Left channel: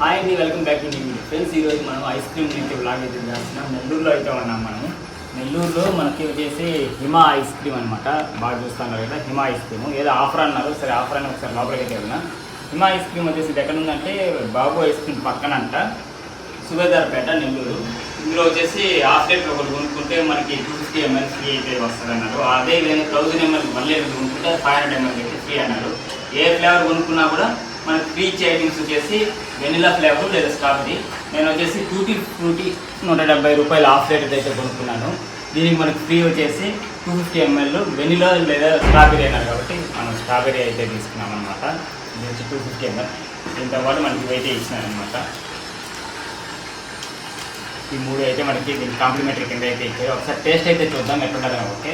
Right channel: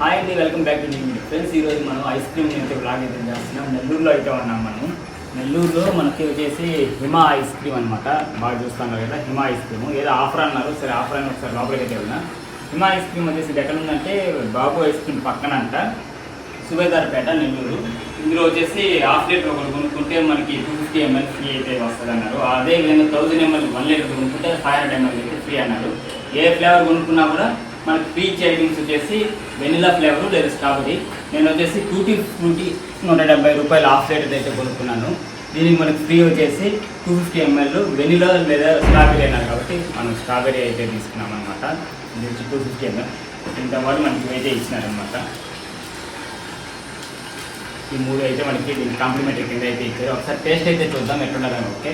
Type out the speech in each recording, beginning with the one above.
Hi అండి, welcome back to new video. Friends, ఈరోజు మనం ఐస్ క్రీమ్ అయితే బ్లాగ్ అయితే చేస్తున్నాం. నెల్లూరులో అయితే ఉన్నాం మనము. నెల్లూరులో మనకి వచ్చేసి హిమా ఐస్ క్రీమ్ అనమాట. బాగా చూస్తాం కదా, హిమా ఐస్ క్రీమ్ ఏదో ఆఫర్ అన్నారు. సరే ఆఫర్ అని ఒకసారి లోపలికి అయితే వెళ్ళినా. హిమా ఐస్ క్రీమ్ వచ్చేసి ఇది ఎక్కడ ఉందంటే బాబు ఐస్ క్రీమ్ పక్కన అంట, సుబేదార్పేట, నెల్లూరు. ఇందులో వచ్చేసి హాఫ్ లీటర్ ఒకటి కొనుక్కుంటే మనకి 250 ml ఫ్రీ అయితే వస్తుంది అన్నారు. అదే విధంగా 1000 ml 1 లీటర్ కొనుక్కుంటే 500 ml అయితే ఫ్రీ అన్నారు. ఏ ఫ్లేవర్ కొనుక్కున్నా కూడా మనకి ఫ్రీ ఐటమ్స్ వచ్చేసి వెనిలా ఫ్లేవర్ లేదా స్ట్రాబెరీ. నేను వచ్చేసి టూటీ ఫ్రూటీ 170 రూపాయలు హాఫ్ లీటర్ అయితే కొనుక్కున్నాను. దీనికి మనకు ఫ్రీ వచ్చేసి 250 ml వెనిలా లేదా స్ట్రాబెరీ అన్నారు కాబట్టి మనం స్ట్రాబెరీ అయితే తీసుకున్నాం అనమాట. ఇది వచ్చి 250 ml. దీంతో పాటు మనకి అయితే ఇచ్చినారనమాట. ఈ మూడు అయితే మనకి దీనికి కాంప్లిమెంటరీ కింద అయితే ఇచ్చారు. ఒకసారి టేస్ట్ అయితే చూద్దాం ఎట్లున్నదని. ఓకే,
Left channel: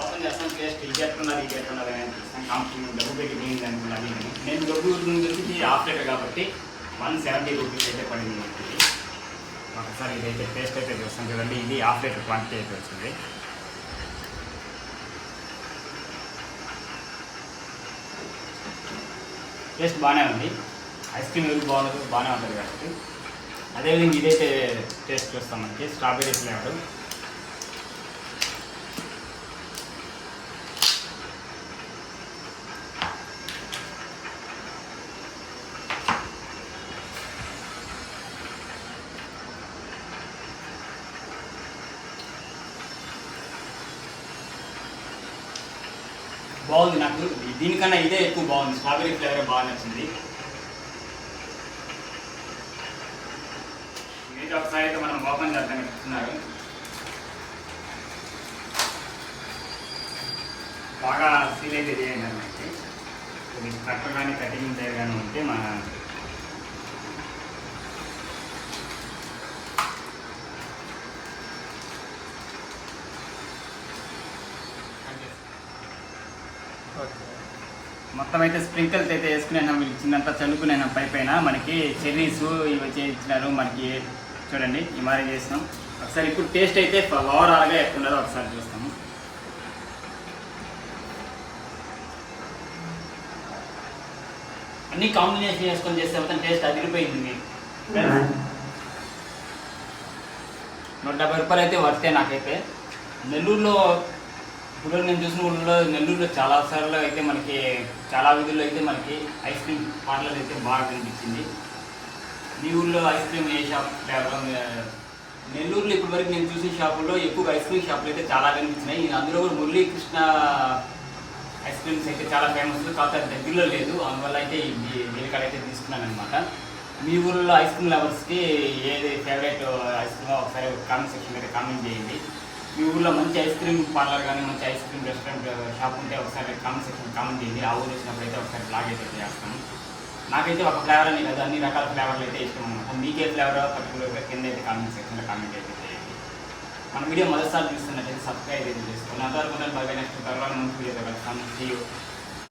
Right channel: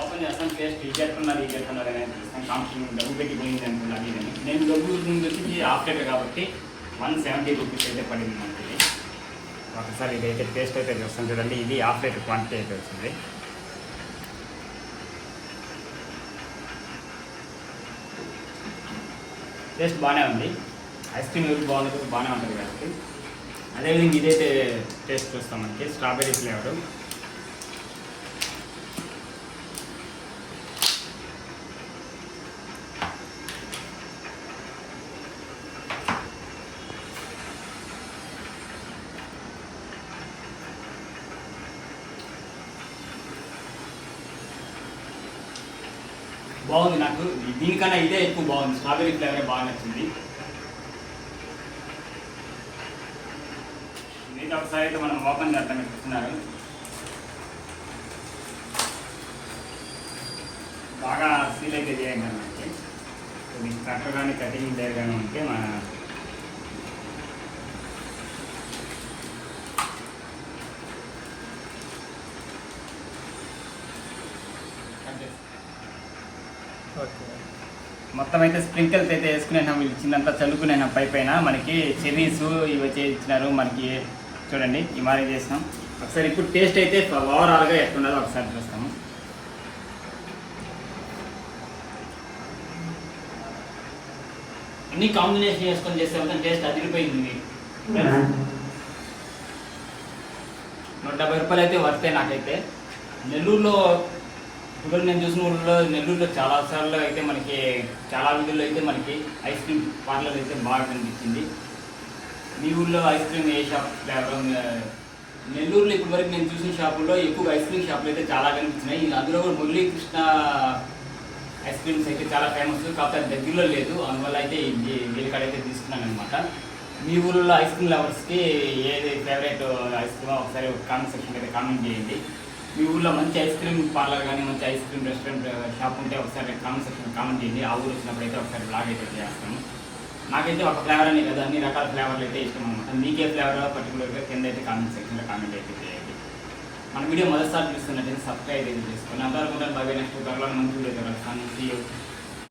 ఓపెన్ చేస్తాం. టేస్ట్ ఇది ఎట్లున్నది ఇది ఎట్లున్నది కాంప్లిమెంట్ డబ్బు పెట్టి పోయింది అనుకున్నాను. నేను డబ్బు గురించి హాఫ్ లీటర్ కాబట్టి 170 రూపీస్ అయితే పడింది మనకి. ఒకసారి ఇదైతే టేస్ట్ అయితే చూస్తాం చూడండి. ఇది హాఫ్ లీటర్ క్వాంటిటీ అయితే వచ్చింది. టేస్ట్ బాగానే ఉంది. ఐస్ క్రీమ్ ఎవరికి బాగుంటుంది, బాగానే ఉంటుంది కాబట్టి. అదేవిధంగా ఇదైతే టేస్ట్ చూస్తాం మనకి స్ట్రాబెరీ ఫ్లేవర్. బాగుంది. నాకు దీనికన్నా ఇదే ఎక్కువ బాగుంది. స్ట్రాబెరీ ఫ్లేవర్ బాగా నచ్చింది. ఇది ఒకసారి అయితే మనం ఓపెన్ చేద్దాం చెప్తున్నారు. బాగా సీల్ అయితే చేయండి అన్నమాట. ఇది కట్ కానీ కటింగ్ దగ్గర కానీ ఉంటే మన మొత్తం అయితే స్ప్రింకిల్స్ అయితే వేసుకునేనా, వీళ్ళు ఇచ్చిందంతా చల్లుకునేనా పై పైన. మనకి చెర్రీస్ ఇవి వచ్చి ఇచ్చినారు మనకి. చూడండి ఈ మాదిరి చేసినాం. ఒకసారి ఇప్పుడు టేస్ట్ అయితే ఓవరాల్గా ఎట్లుండదో ఒకసారి చూస్తాము. అన్ని కాంబినేషన్ చేసుకొని చేస్తే మొత్తం టేస్ట్ అదిరిపోయింది. 170 రూపాయలు అయితే వర్తే నాకైతే. నెల్లూరులో ఇప్పుడు నేను చూసిన ఊళ్ళో నెల్లూరులో చాలా సార్లు అయితే మనకి చాలా వీధుల్లో అయితే మనకి ఐస్ క్రీమ్ పార్లర్ అయితే బాగా కనిపించింది. మీ ఊళ్ళో ఐస్ క్రీమ్ ఏ షాప్ ఫ్లేవర్? నెల్లూరులో ఇప్పటివరకు నేను చూసిన షాపుల్లో ఎక్కువ ఐస్ క్రీమ్ షాపులు అయితే చాలా కనిపించినాయి. అందులో కూడా మురళీకృష్ణ ఐస్ క్రీమ్స్ అయితే చాలా ఫేమస్, కాకపోతే దగ్గరలో లేదు. అందువల్ల అయితే దీనికాడైతే తీసుకున్నాను అనమాట. మీ ఊళ్ళో ఐస్ క్రీమ్ లవర్స్కి ఏది ఫేవరెట్ ఐస్ క్రీమ్ ఒకసారి కామెంట్ సెక్షన్ అయితే కామెంట్ చేయండి. మీ ఊళ్ళో మంచి ఐస్ క్రీమ్ పార్లర్ కానీ మంచి ఐస్ క్రీమ్ రెస్టారెంట్ షాప్ ఉంటే ఒకసారి కామెంట్ సెక్షన్ కామెంట్ చేయండి. ఆ ఊరు వచ్చినప్పుడు అయితే ఒకసారి బ్లాగ్ అయితే చేస్తాను. నాకైతే ఒక ఫ్లేవర్ అని కదా, అన్ని రకాల ఫ్లేవర్లు అయితే ఇష్టం అనమాట. మీకే ఫ్లేవర్ పర్టికులర్గా కింద అయితే కామెంట్ సెక్షన్లో కామెంట్ అయితే చేయండి. మన వీడియో మొదటిసారి చూస్తున్నట్లయితే సబ్స్క్రైబ్ అయితే చేసుకోండి. అంతవరకు బాగా నెక్స్ట్ త్వరలో మంచి వీడియో కలుస్తాను. See you.